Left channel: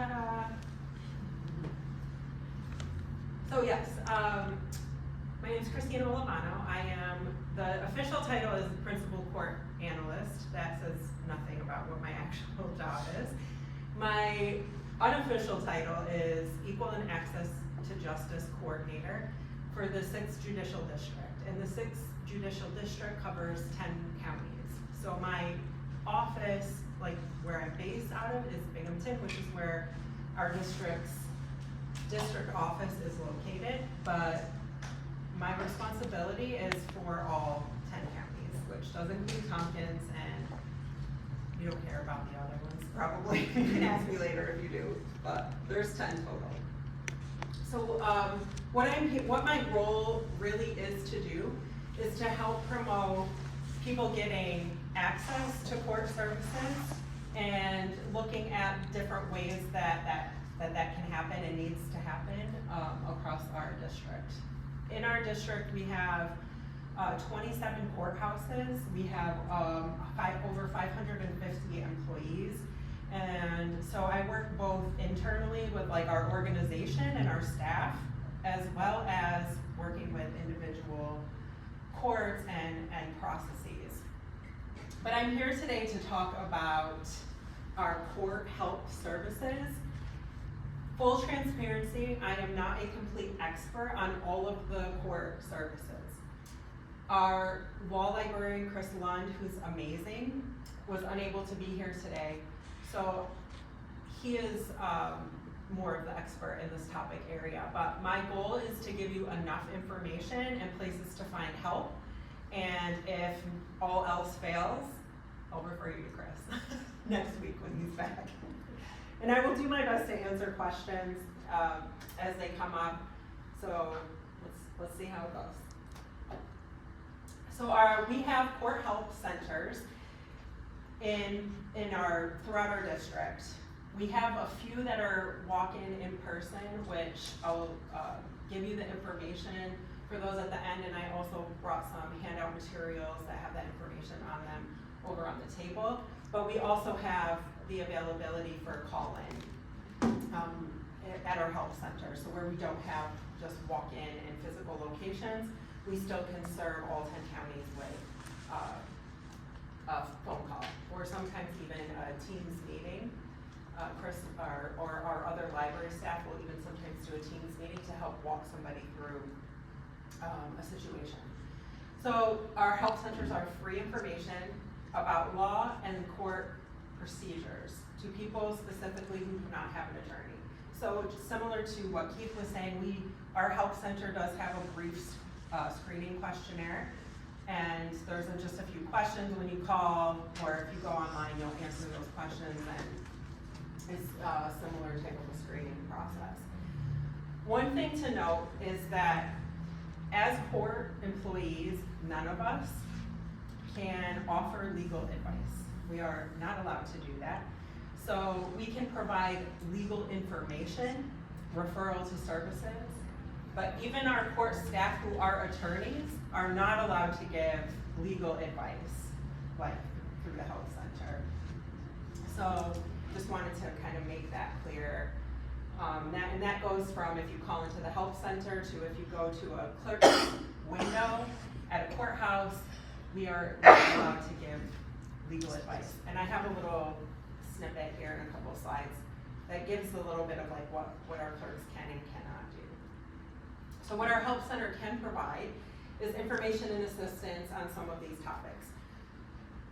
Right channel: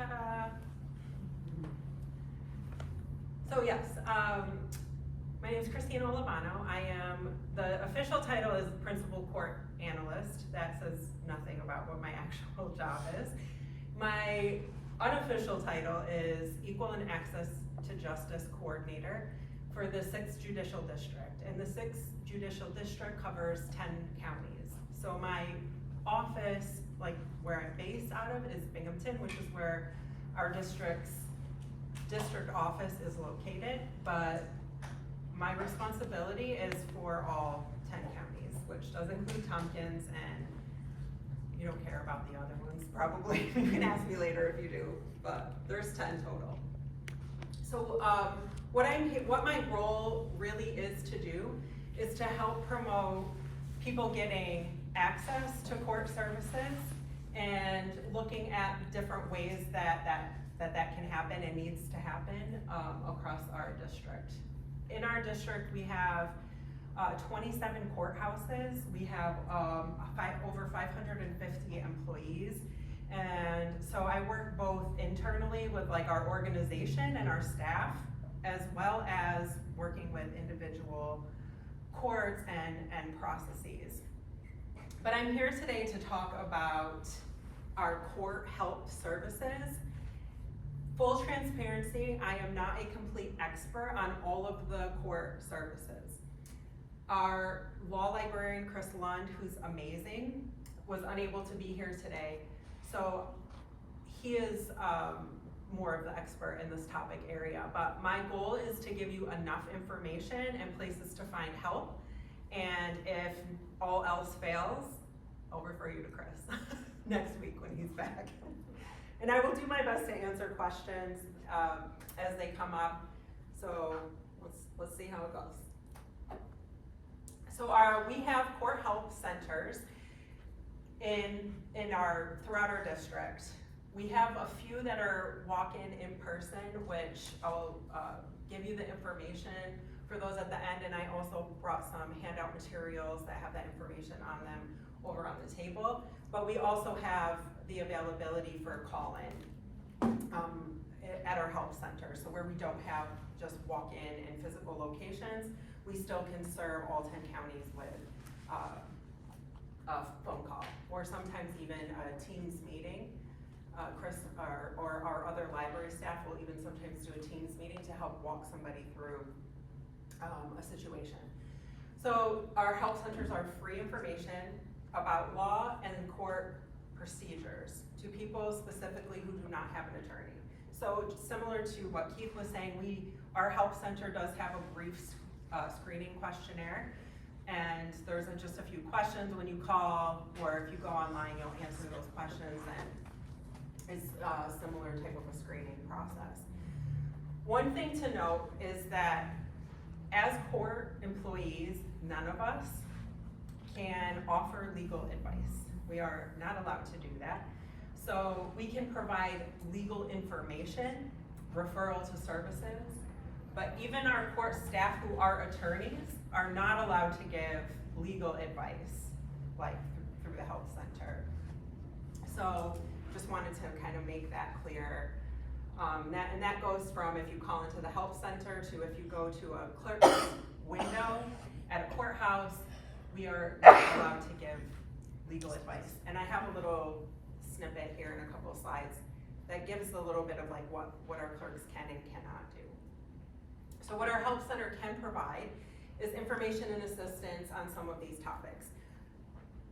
Ta-da! So yes, my name is Christina Olevano. The official title is Principal Court Analyst. That says nothing about what my actual job is. My unofficial title is Equal and Access to Justice Coordinator for the 6th Judicial District. And the 6th Judicial District covers 10 counties. So my office, like where I'm based out of, is Binghamton, which is where our district office is located, but my responsibility is for all 10 counties, which does include Tompkins, and you don't care about the other ones, probably. You can ask me later if you do, but there's 10 total. So what my role really is to do is to help promote people getting access to court services and looking at different ways that can happen and needs to happen across our district. In our district, we have 27 courthouses. We have over 550 employees. And so I work both internally with like our organization and our staff, as well as working with individual courts and processes. But I'm here today to talk about our court help services. Full transparency, I am not a complete expert on all of the court services. Our law librarian, Chris Lund, who's amazing, was unable to be here today. So he is more of the expert in this topic area. But my goal is to give you enough information and places to find help. And if all else fails, I'll refer you to Chris next week when he's back. And I will do my best to answer questions as they come up. So let's see how it goes. So we have court help centers throughout our district. We have a few that are walk-in person, which I'll give you the information for those at the end, and I also brought some handout materials that have that information on them over on the table. But we also have the availability for call-in at our help center. So where we don't have just walk-in and physical locations, we still can serve all 10 counties with a phone call, or sometimes even a Teams meeting. Chris or our other library staff will even sometimes do a Teams meeting to help walk somebody through a situation. So our help centers are free information about law and court procedures to people specifically who do not have an attorney. So similar to what Keith was saying, our help center does have a brief screening questionnaire, and there's just a few questions when you call, or if you go online, you'll answer those questions, and it's a similar type of a screening process. One thing to note is that as court employees, none of us can offer legal advice. We are not allowed to do that. So we can provide legal information, referral to services, but even our court staff who are attorneys are not allowed to give legal advice, like through the help center. So just wanted to kind of make that clear. And that goes from if you call into the help center to if you go to a clerk's window at a courthouse, we are not allowed to give legal advice. And I have a little snippet here in a couple of slides that gives a little bit of like what our clerks can and cannot do. So what our help center can provide is information and assistance on some of these topics.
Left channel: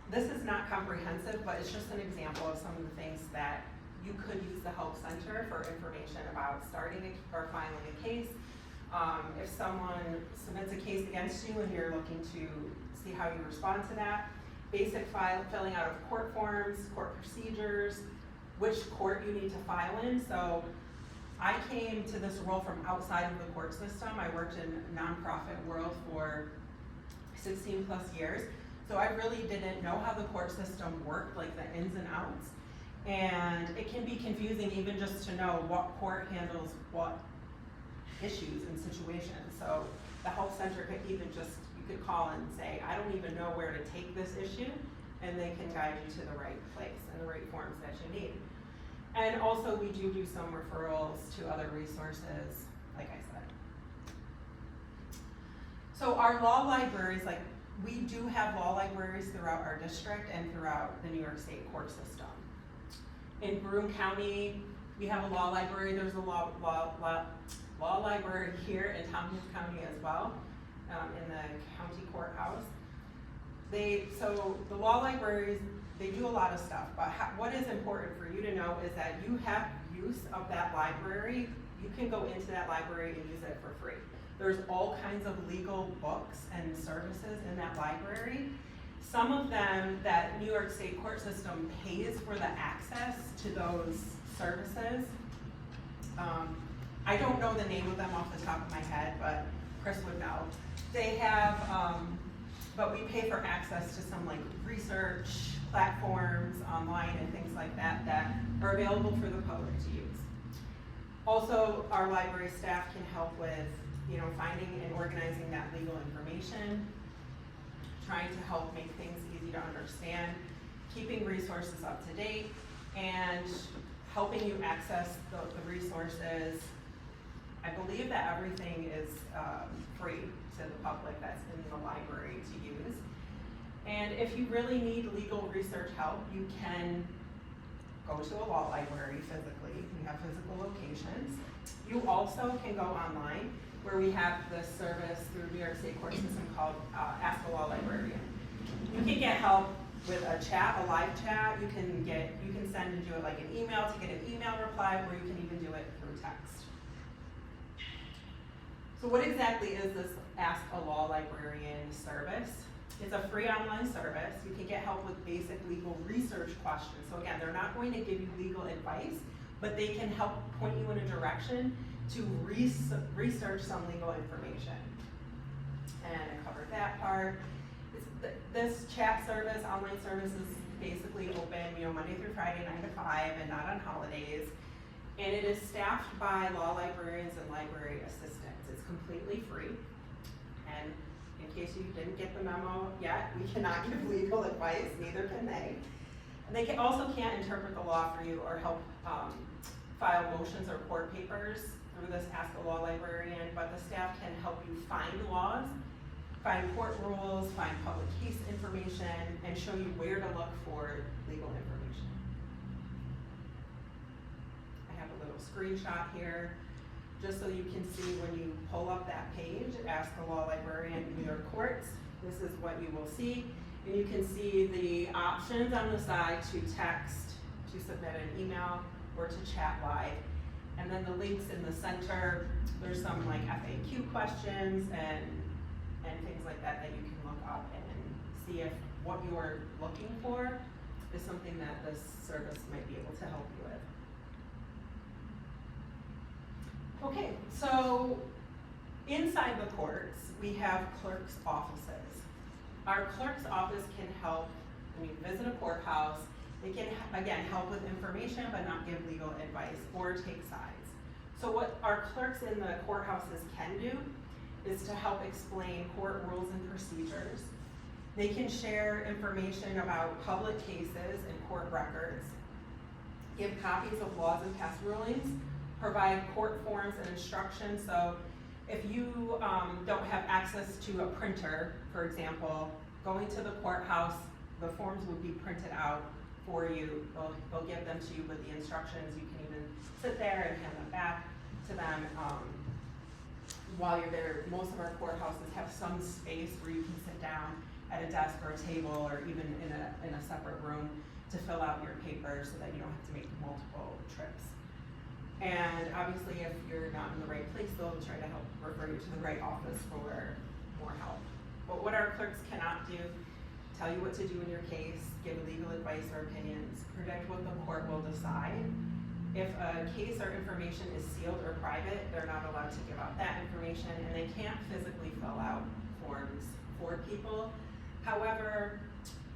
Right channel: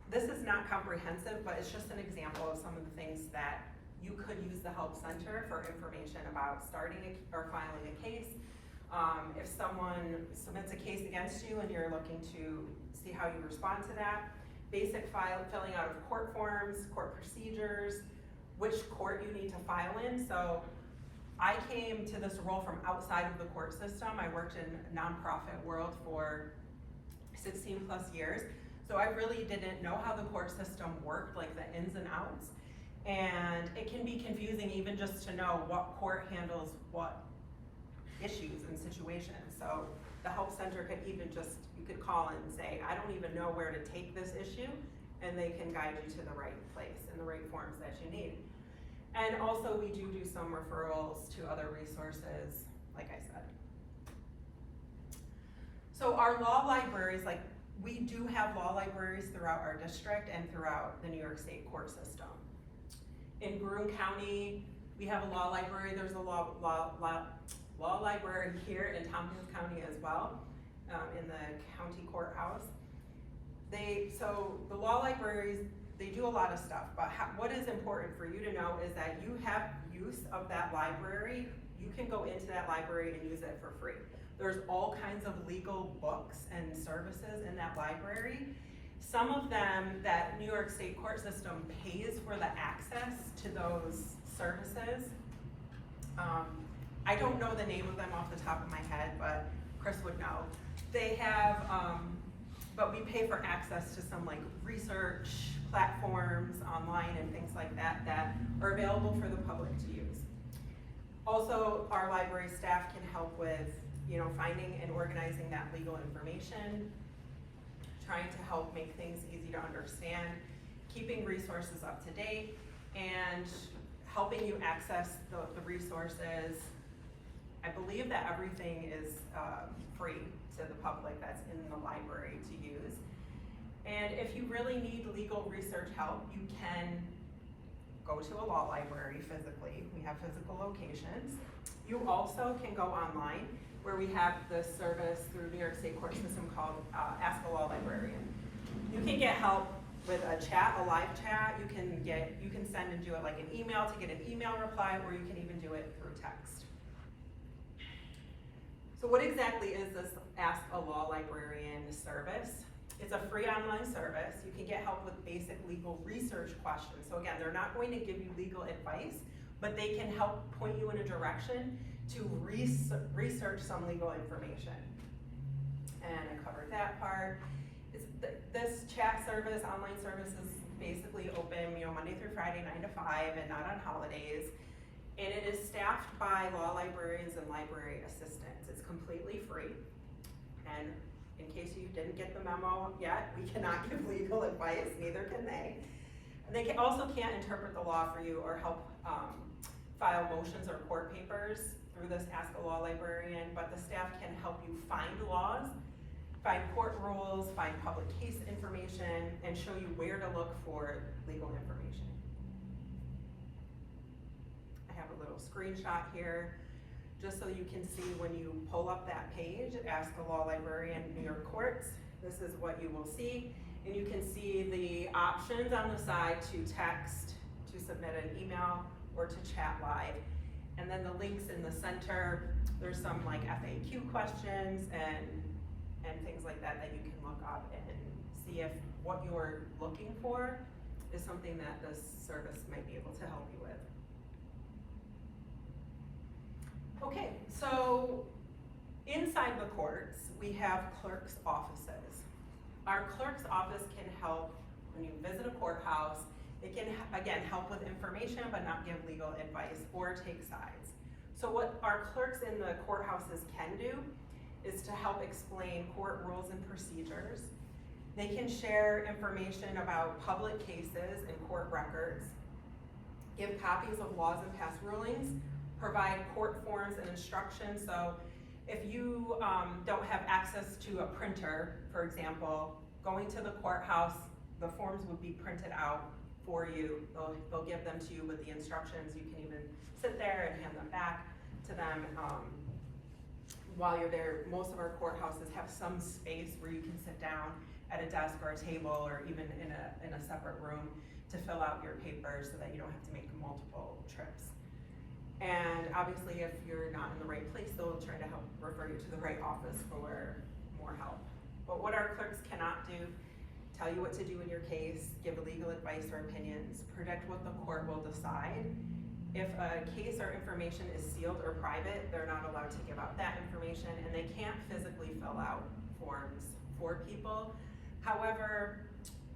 This is not comprehensive, but it's just an example of some of the things that you could use the help center for information about starting or filing a case. If someone submits a case against you and you're looking to see how you respond to that, basic filling out of court forms, court procedures, which court you need to file in. So I came to this role from outside of the court system. I worked in nonprofit world for 16 plus years. So I really didn't know how the court system worked, like the ins and outs. And it can be confusing even just to know what court handles what issues and situations. So the help center could even you could call and say, I don't even know where to take this issue, and they can guide you to the right place and the right forms that you need. And also we do some referrals to other resources, like I said. So our law libraries, like we do have law libraries throughout our district and throughout the New York State court system. In Broome County, we have a law library. There's a law library here in Tompkins County as well, in the county courthouse. So the law libraries, they do a lot of stuff, but what is important for you to know is that you have use of that library. You can go into that library and use it for free. There's all kinds of legal books and services in that library. Some of them that New York State court system pays for the access to those services. I don't know the name of them off the top of my head, but Chris would know. They have, but we pay for access to some like research platforms online and things like that that are available for the public to use. Also, our library staff can help with, finding and organizing that legal information, trying to help make things easy to understand, keeping resources up to date, and helping you access the resources. I believe that everything is free to the public that's in the library to use. And if you really need legal research help, you can go to a law library physically. We have physical locations. You also can go online, where we have this service through New York State court system called Ask a Law Librarian. You can get help with a chat, a live chat. You can send and do it like an email to get an email reply, or you can even do it through text. So what exactly is this Ask a Law Librarian service? It's a free online service. You can get help with basic legal research questions. So again, they're not going to give you legal advice, but they can help point you in a direction to research some legal information. And I covered that part. This chat service, online service, is basically open, Monday through Friday, 9 to 5, and not on holidays. And it is staffed by law librarians and library assistants. It's completely free. And in case you didn't get the memo yet, we cannot give legal advice, neither can they. And they also can't interpret the law for you or help file motions or court papers through this Ask a Law Librarian, but the staff can help you find laws, find court rules, find public case information, and show you where to look for legal information. I have a little screenshot here, just so you can see when you pull up that page, Ask a Law Librarian New York Courts, this is what you will see. And you can see the options on the side to text, to submit an email, or to chat live. And then the links in the center, there's some like FAQ questions and things like that that you can look up and see if what you're looking for is something that this service might be able to help you with. Okay, so inside the courts, we have clerks' offices. Our clerk's office can help when you visit a courthouse. They can, again, help with information but not give legal advice or take sides. So what our clerks in the courthouses can do is to help explain court rules and procedures. They can share information about public cases and court records, give copies of laws and past rulings, provide court forms and instructions. So if you don't have access to a printer, for example, going to the courthouse, the forms would be printed out for you. They'll give them to you with the instructions. You can even sit there and hand them back to them while you're there. Most of our courthouses have some space where you can sit down at a desk or a table or even in a separate room to fill out your papers so that you don't have to make multiple trips. And obviously if you're not in the right place, they'll try to help refer you to the right office for more help. But what our clerks cannot do, tell you what to do in your case, give legal advice or opinions, predict what the court will decide. If a case or information is sealed or private, they're not allowed to give out that information, and they can't physically fill out forms for people. However,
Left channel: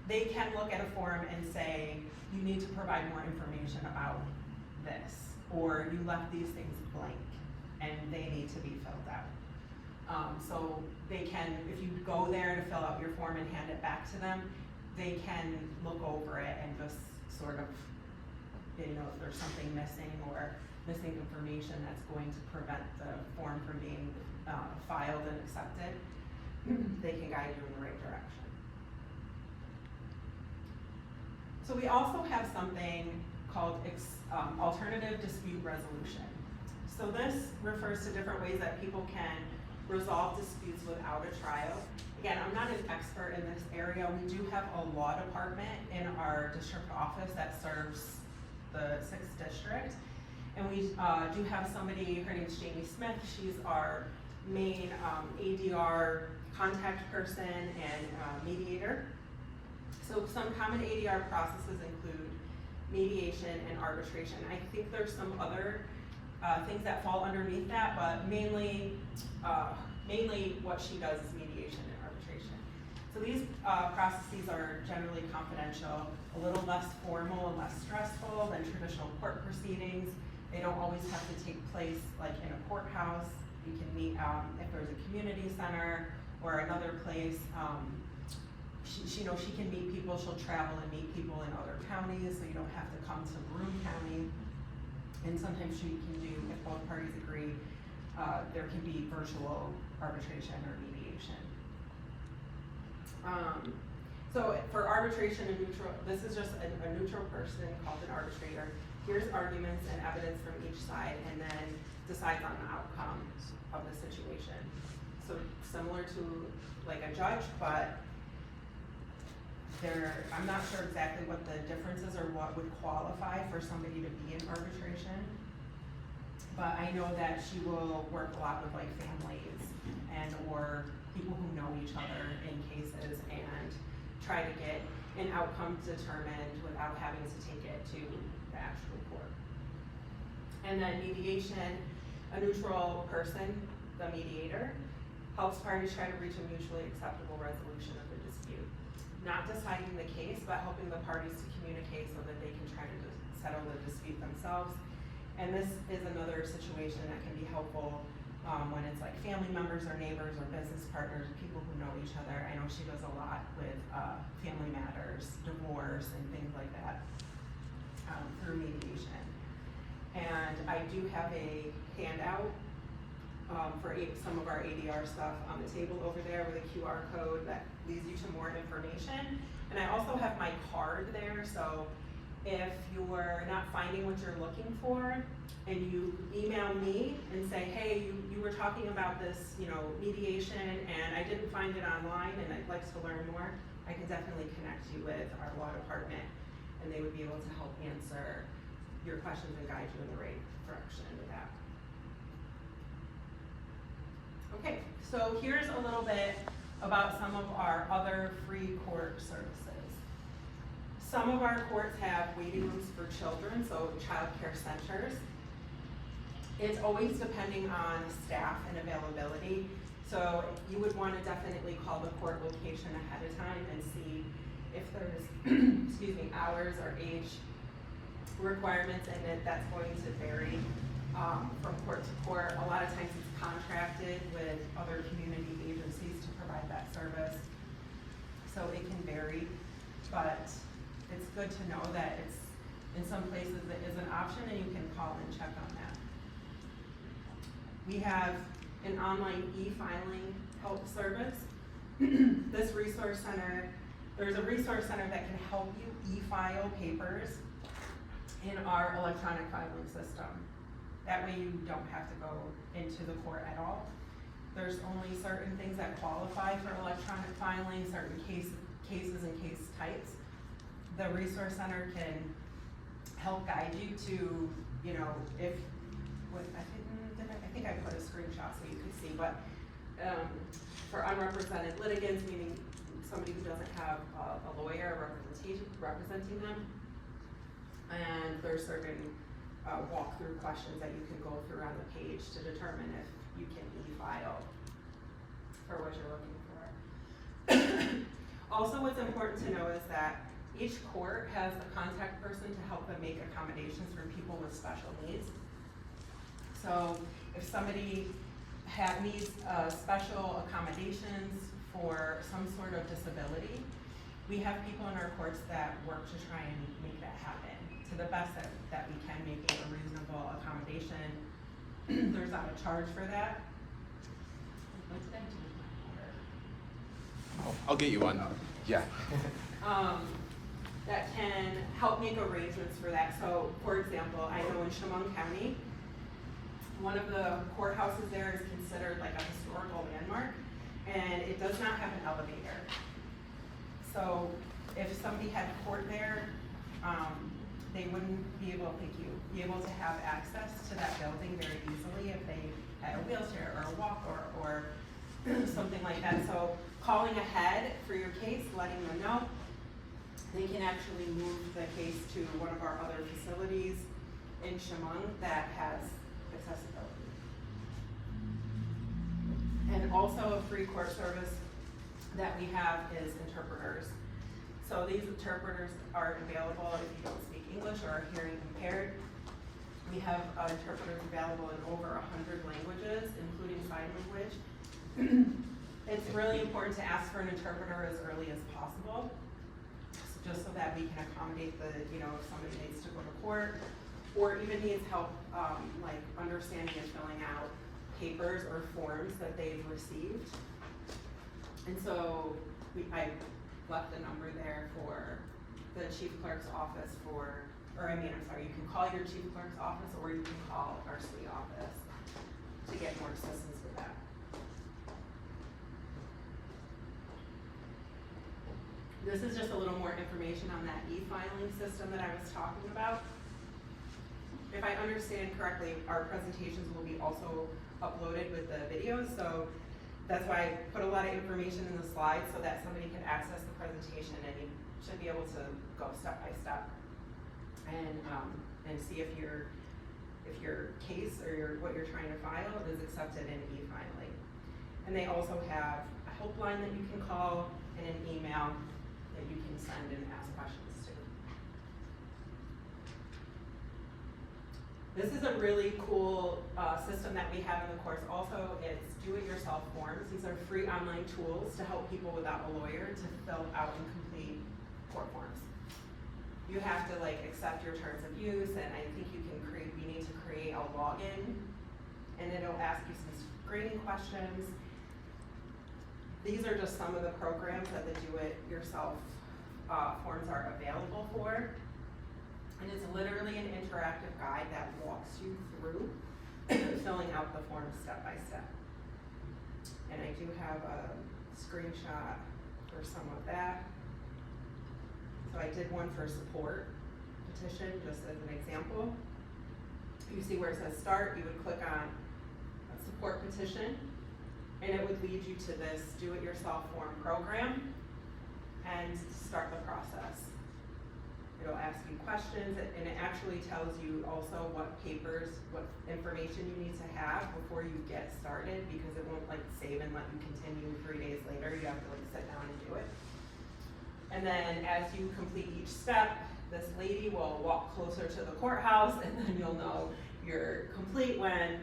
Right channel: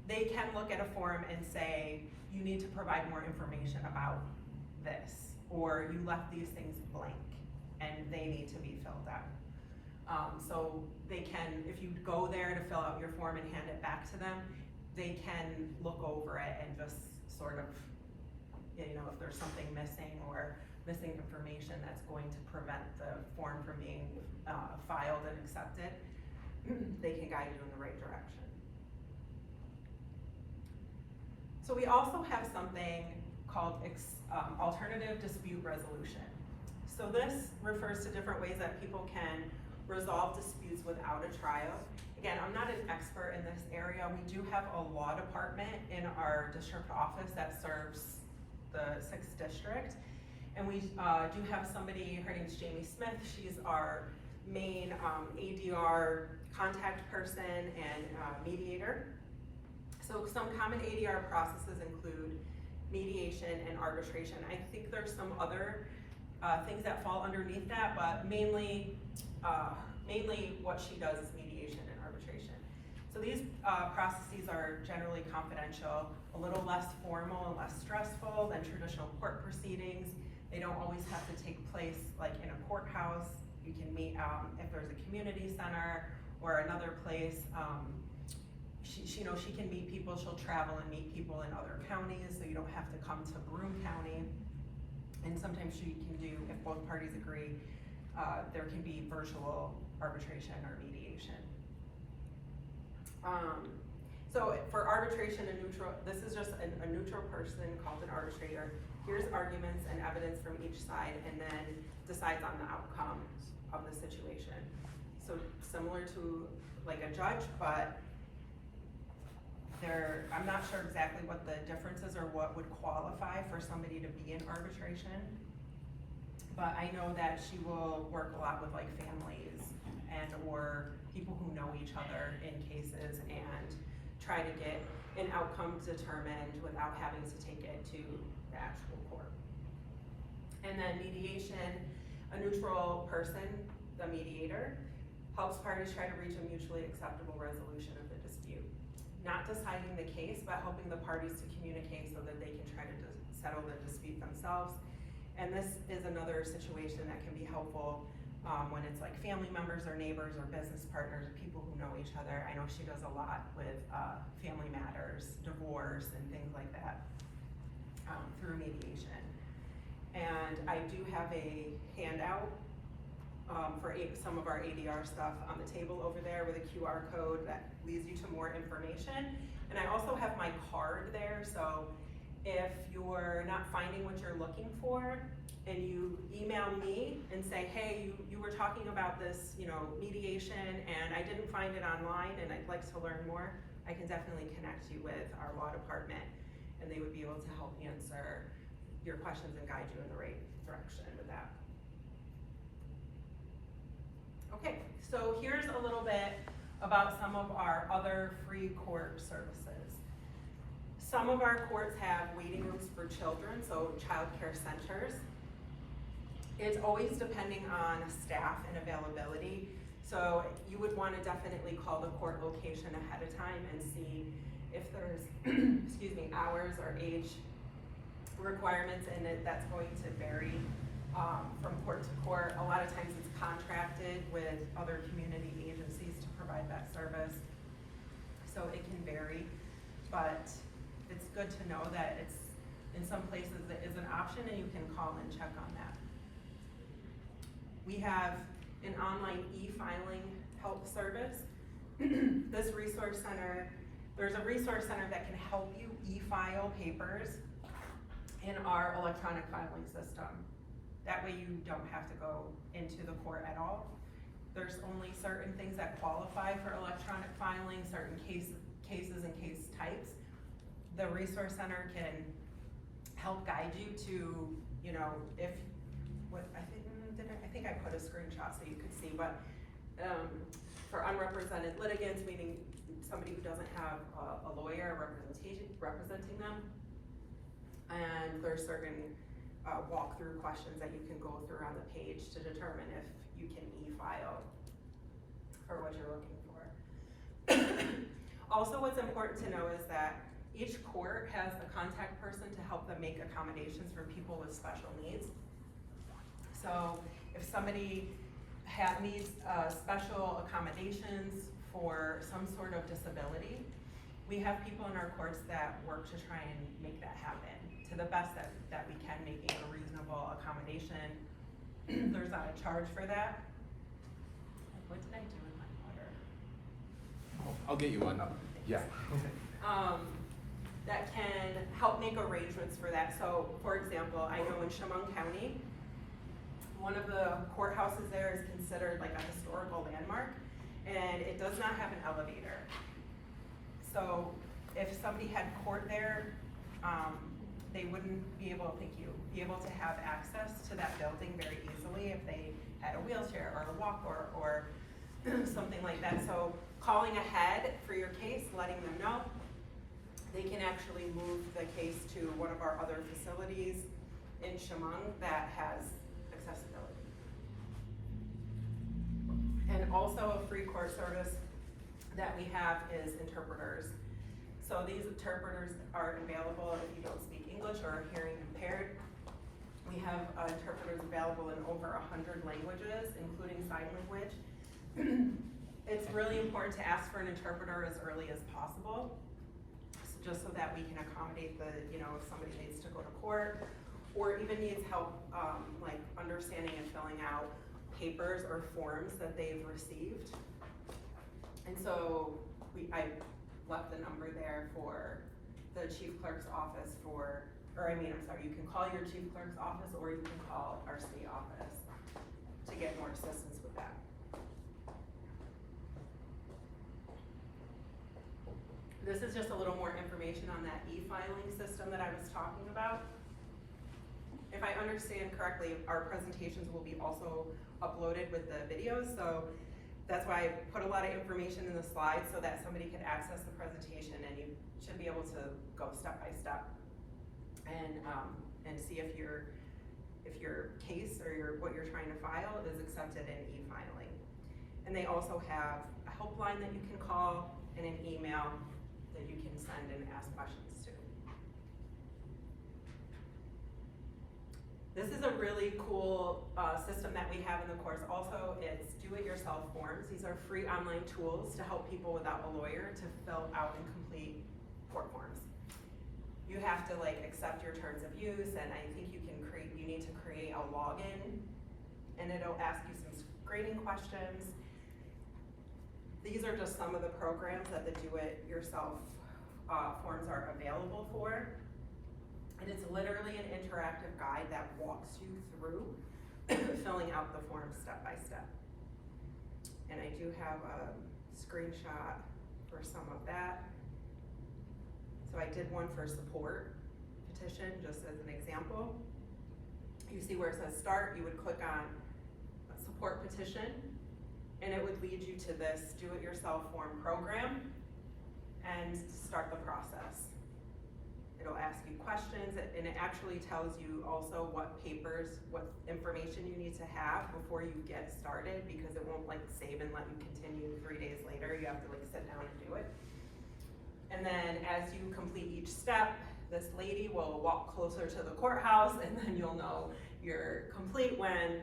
they can look at a form and say, you need to provide more information about this, or you left these things blank and they need to be filled out. So they can, if you go there to fill out your form and hand it back to them, they can look over it and just sort of you know, if there's something missing or missing information that's going to prevent the form from being filed and accepted, they can guide you in the right direction. So we also have something called alternative dispute resolution. So this refers to different ways that people can resolve disputes without a trial. Again, I'm not an expert in this area. We do have a law department in our district office that serves the 6th District. And we do have somebody, her name's Jamie Smith. She's our main ADR contact person and mediator. So some common ADR processes include mediation and arbitration. I think there's some other things that fall underneath that, but mainly what she does is mediation and arbitration. So these processes are generally confidential, a little less formal and less stressful than traditional court proceedings. They don't always have to take place like in a courthouse. You can meet if there's a community center or another place. She can meet people, she'll travel and meet people in other counties, so you don't have to come to Broome County. And sometimes she can do, if both parties agree, there can be virtual arbitration or mediation. So for arbitration, this is just a neutral person called an arbitrator. Here's arguments and evidence from each side and then decides on the outcome of the situation. So similar to like a judge, but I'm not sure exactly what the difference is or what would qualify for somebody to be in arbitration. But I know that she will work a lot with like families and or people who know each other in cases and try to get an outcome determined without having to take it to the actual court. And then mediation, a neutral person, the mediator, helps parties try to reach a mutually acceptable resolution of the dispute. Not deciding the case, but helping the parties to communicate so that they can try to settle the dispute themselves. And this is another situation that can be helpful when it's like family members or neighbors or business partners, people who know each other. I know she does a lot with family matters, divorce, and things like that through mediation. And I do have a handout for some of our ADR stuff on the table over there with a QR code that leads you to more information. And I also have my card there, so if you're not finding what you're looking for and you email me and say, hey, you were talking about this, mediation and I didn't find it online and I'd like to learn more, I can definitely connect you with our law department and they would be able to help answer your questions and guide you in the right direction with that. Okay, so here's a little bit about some of our other free court services. Some of our courts have waiting rooms for children, so child care centers. It's always depending on staff and availability. So you would want to definitely call the court location ahead of time and see if there's, hours or age requirements, and that's going to vary from court to court. A lot of times it's contracted with other community agencies to provide that service. So it can vary, but it's good to know that it's, in some places it is an option and you can call and check on that. We have an online e-filing help service. This resource center, there's a resource center that can help you e-file papers in our electronic filing system. That way you don't have to go into the court at all. There's only certain things that qualify for electronic filing, certain cases and case types. The resource center can help guide you to, I think I put a screenshot so you could see, but for unrepresented litigants, meaning somebody who doesn't have a lawyer representing them, and there's certain walkthrough questions that you can go through on the page to determine if you can e-file for what you're looking for. Also, what's important to know is that each court has a contact person to help them make accommodations for people with special needs. So if somebody needs special accommodations for some sort of disability, we have people in our courts that work to try and make that happen, to to the best that we can, making a reasonable accommodation. There's not a charge for that. What did I do with my water? I'll get you one. Yeah. That can help make arrangements for that. So, for example, I know in Chemung County, one of the courthouses there is considered like a historical landmark, and it does not have an elevator. So, if somebody had court there, they wouldn't be able to have access to that building very easily if they had a wheelchair or a walker or something like that. So, calling ahead for your case, letting them know, they can actually move the case to one of our other facilities in Chemung that has accessibility. And also a free court service that we have is interpreters. So these interpreters are available if you don't speak English or are hearing impaired. We have interpreters available in over 100 languages, including sign language. It's really important to ask for an interpreter as early as possible, just so that we can accommodate the, if somebody needs to go to court or even needs help, like understanding and filling out papers or forms that they've received. And so I left the number there for the chief clerk's office you can call your chief clerk's office or you can call our state office to get more assistance with that. This is just a little more information on that e-filing system that I was talking about. If I understand correctly, our presentations will be also uploaded with the videos, so that's why I put a lot of information in the slides so that somebody can access the presentation and you should be able to go step by step and see if your case or what you're trying to file is accepted in e-filing. And they also have a helpline that you can call and an email that you can send and ask questions to. This is a really cool system that we have in the course. Also, it's do-it-yourself forms. These are free online tools to help people without a lawyer to fill out and complete court forms. You have to accept your terms of use, and I think you need to create a login, and it'll ask you some screening questions. These are just some of the programs that the do-it-yourself forms are available for. And it's literally an interactive guide that walks you through filling out the forms step by step. And I do have a screenshot for some of that. So I did one for support petition, just as an example. You see where it says start, you would click on a support petition, and it would lead you to this do-it-yourself form program and start the process. It'll ask you questions, and it actually tells you also what papers, what information you need to have before you get started, because it won't save and let you continue 3 days later. You have to sit down and do it. And then as you complete each step, this lady will walk closer to the courthouse, and then you'll know you're complete when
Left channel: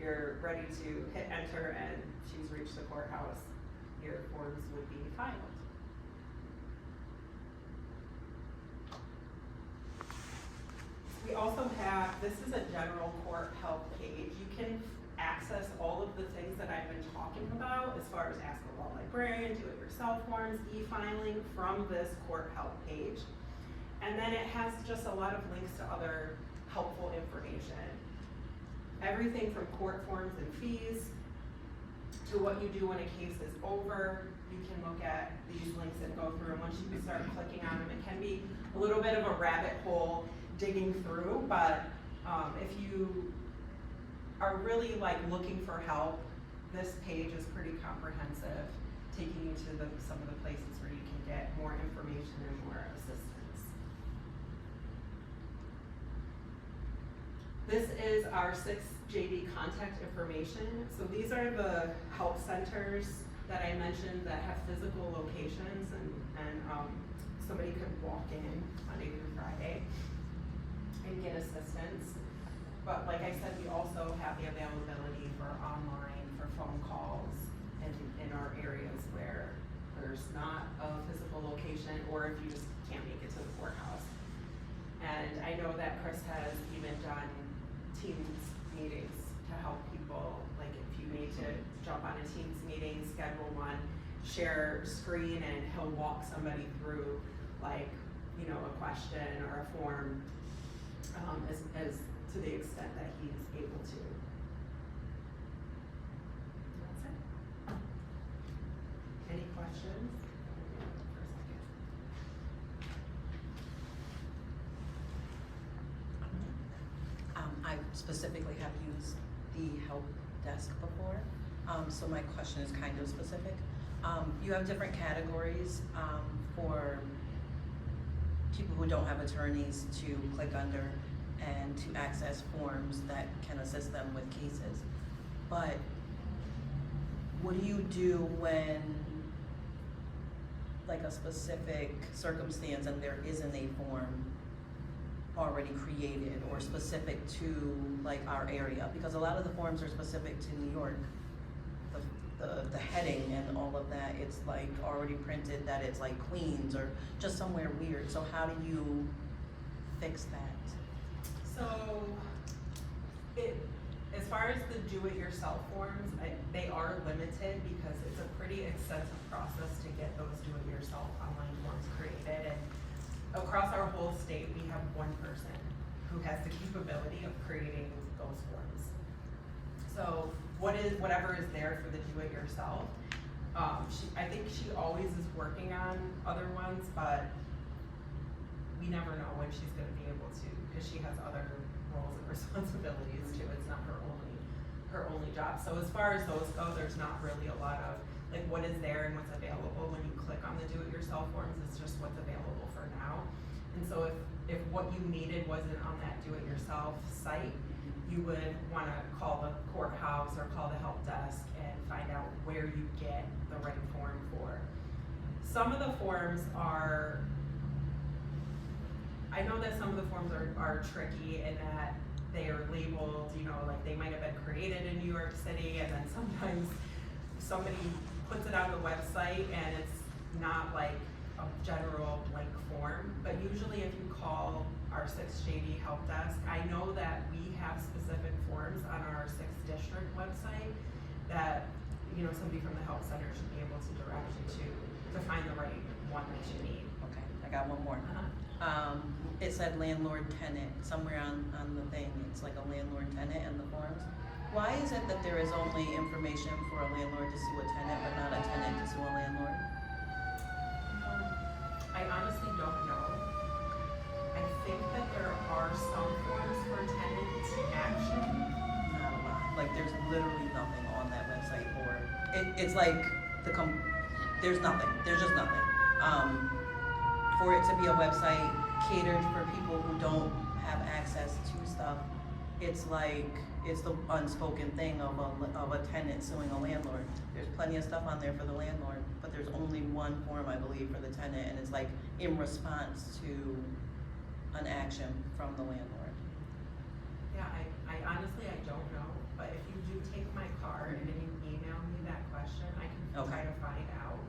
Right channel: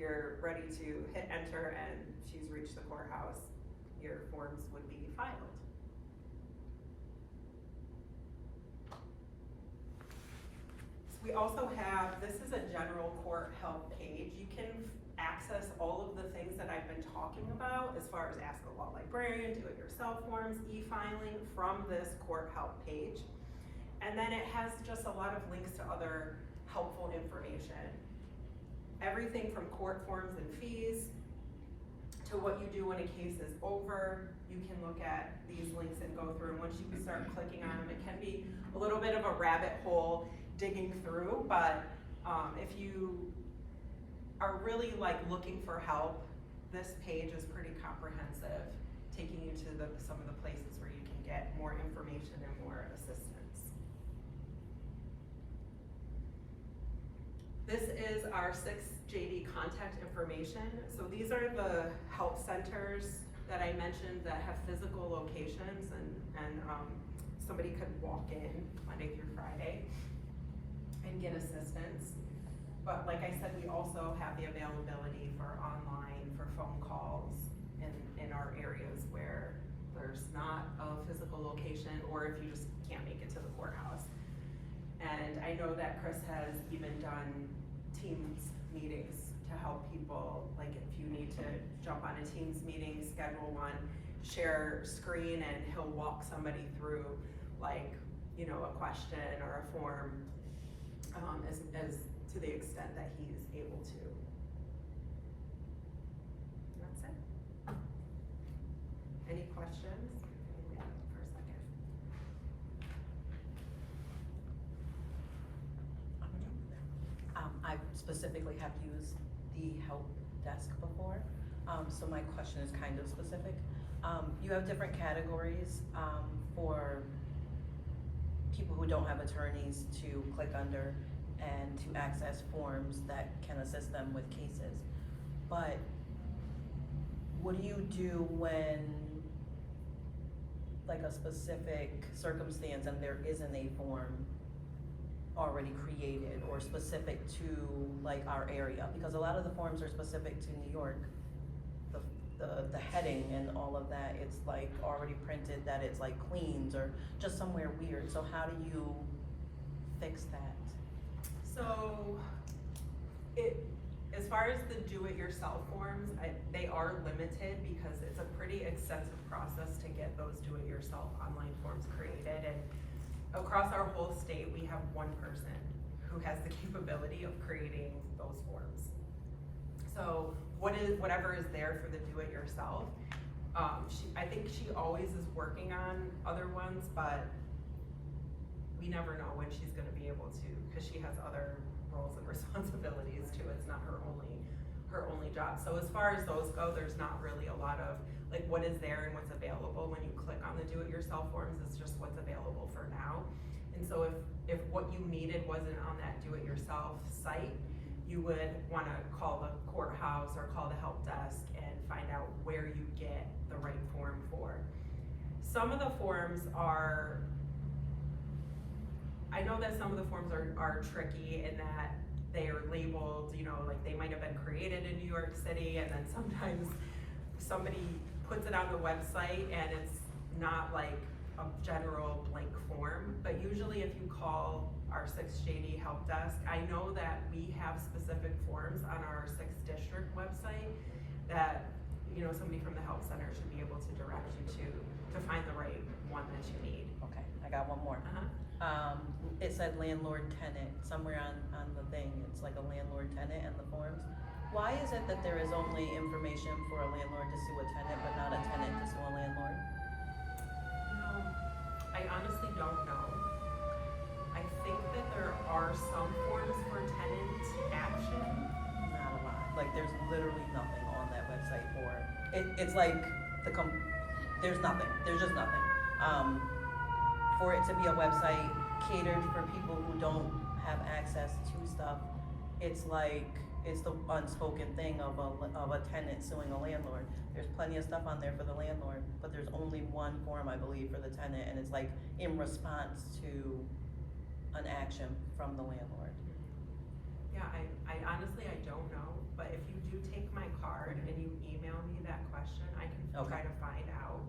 you're ready to hit enter and she's reached the courthouse. Your forms would be filed. We also have, this is a general court help page. You can access all of the things that I've been talking about as far as ask a law librarian, do-it-yourself forms, e-filing from this court help page. And then it has just a lot of links to other helpful information. Everything from court forms and fees to what you do when a case is over. You can look at these links and go through, and once you start clicking on them, it can be a little bit of a rabbit hole digging through, but if you are really looking for help, this page is pretty comprehensive, taking you to some of the places where you can get more information and more assistance. This is our 6th JD contact information. So these are the help centers that I mentioned that have physical locations, and somebody could walk in Monday through Friday and get assistance. But like I said, we also have the availability for online, for phone calls in our areas where there's not a physical location, or if you just can't make it to the courthouse. And I know that Chris has even done Teams meetings to help people, like if you need to jump on a Teams meeting, schedule one, share screen, and he'll walk somebody through like, you know, a question or a form, as to the extent that he's able to. That's it. Any questions? For a second. I specifically have used the help desk before, so my question is kind of specific. You have different categories for people who don't have attorneys to click under and to access forms that can assist them with cases. But what do you do when, like, a specific circumstance and there isn't a form already created or specific to like our area? Because a lot of the forms are specific to New York. The heading and all of that, it's like already printed that it's like Queens or just somewhere weird. So how do you fix that? So, as far as the do-it-yourself forms, they are limited because it's a pretty extensive process to get those do-it-yourself online forms created. And across our whole state, we have one person who has the capability of creating those forms. So whatever is there for the do-it-yourself, I think she always is working on other ones, but we never know when she's gonna be able to, because she has other roles and responsibilities too. It's not her only job. So as far as those go, there's not really a lot of, like, what is there and what's available when you click on the do-it-yourself forms. It's just what's available for now. And so if what you needed wasn't on that do-it-yourself site, you would wanna call the courthouse or call the help desk and find out where you get the right form for. Some of the forms are, I know that some of the forms are tricky in that they are labeled, you know, like they might have been created in New York City, and then sometimes somebody puts it on the website and it's not like a general blank form. But usually if you call our 6th JD help desk, I know that we have specific forms on our 6th district website that, you know, somebody from the help center should be able to direct you to find the right one that you need. Okay, I got one more. It said landlord tenant somewhere on the thing. It's like a landlord tenant in the forms. Why is it that there is only information for a landlord to sue a tenant, but not a tenant to sue a landlord? I honestly don't know. I think that there are some forms for tenant action. Not a lot. Like there's literally nothing on that website for it. It's like there's nothing. There's just nothing. For it to be a website catered for people who don't have access to stuff, it's like it's the unspoken thing of a tenant suing a landlord. There's plenty of stuff on there for the landlord, but there's only one form, I believe, for the tenant, and it's like in response to an action from the landlord. Yeah, I honestly, I don't know, but if you do take my card and you email me that question, I can try to find out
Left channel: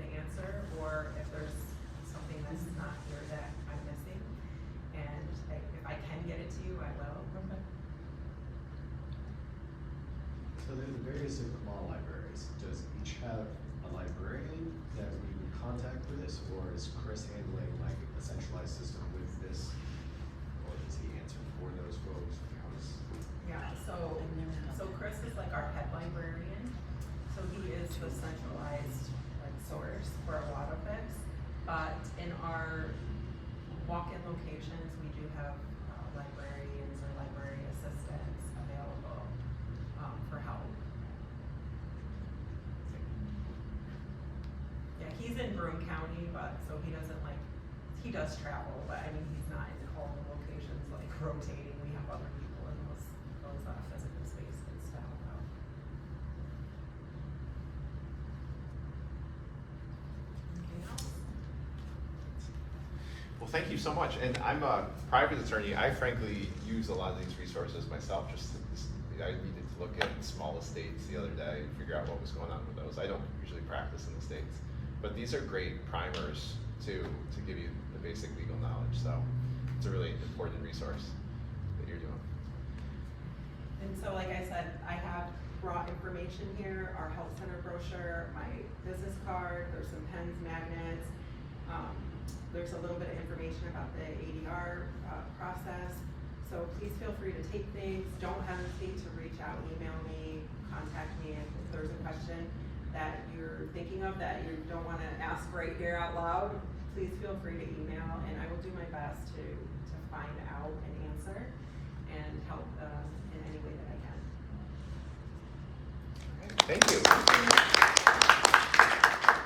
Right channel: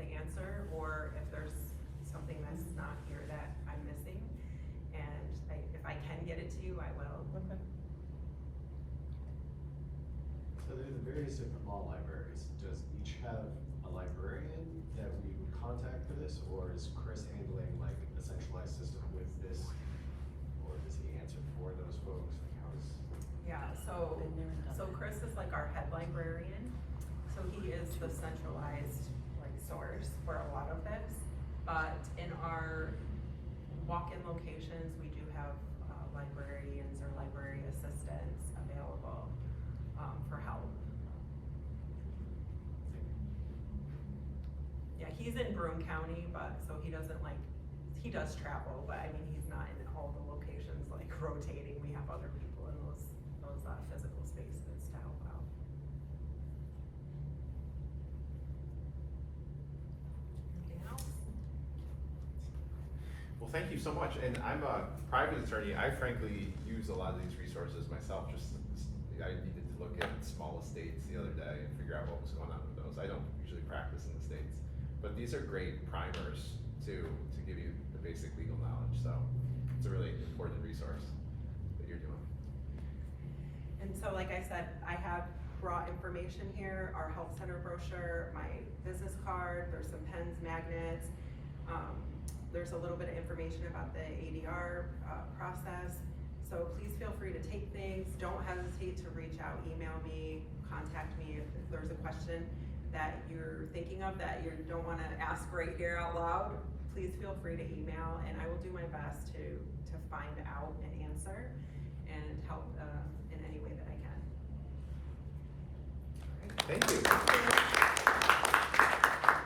the answer, or if there's something that's not here that I'm missing, and if I can get it to you, I will. Okay. So there's the various different law libraries. Does each have a librarian that we would contact for this, or is Chris handling like a centralized system with this, or does he answer for those folks? How is? Yeah, so Chris is like our head librarian, so he is the centralized like source for a lot of this. But in our walk-in locations, we do have librarians or library assistants available for help. Yeah, he's in Broome County, but so he doesn't he does travel, but I mean, he's not in all the locations like rotating. We have other people in those physical spaces to help out. Anything else? Well, thank you so much. And I'm a private attorney. I frankly use a lot of these resources myself. I needed to look at small estates the other day and figure out what was going on with those. I don't usually practice in the States, but these are great primers to give you the basic legal knowledge. So it's a really important resource that you're doing. And so, like I said, I have brought information here, our health center brochure, my business card, there's some pens, magnets. There's a little bit of information about the ADR process. So please feel free to take things. Don't hesitate to reach out, email me, contact me if there's a question that you're thinking of that you don't wanna ask right here out loud. Please feel free to email, and I will do my best to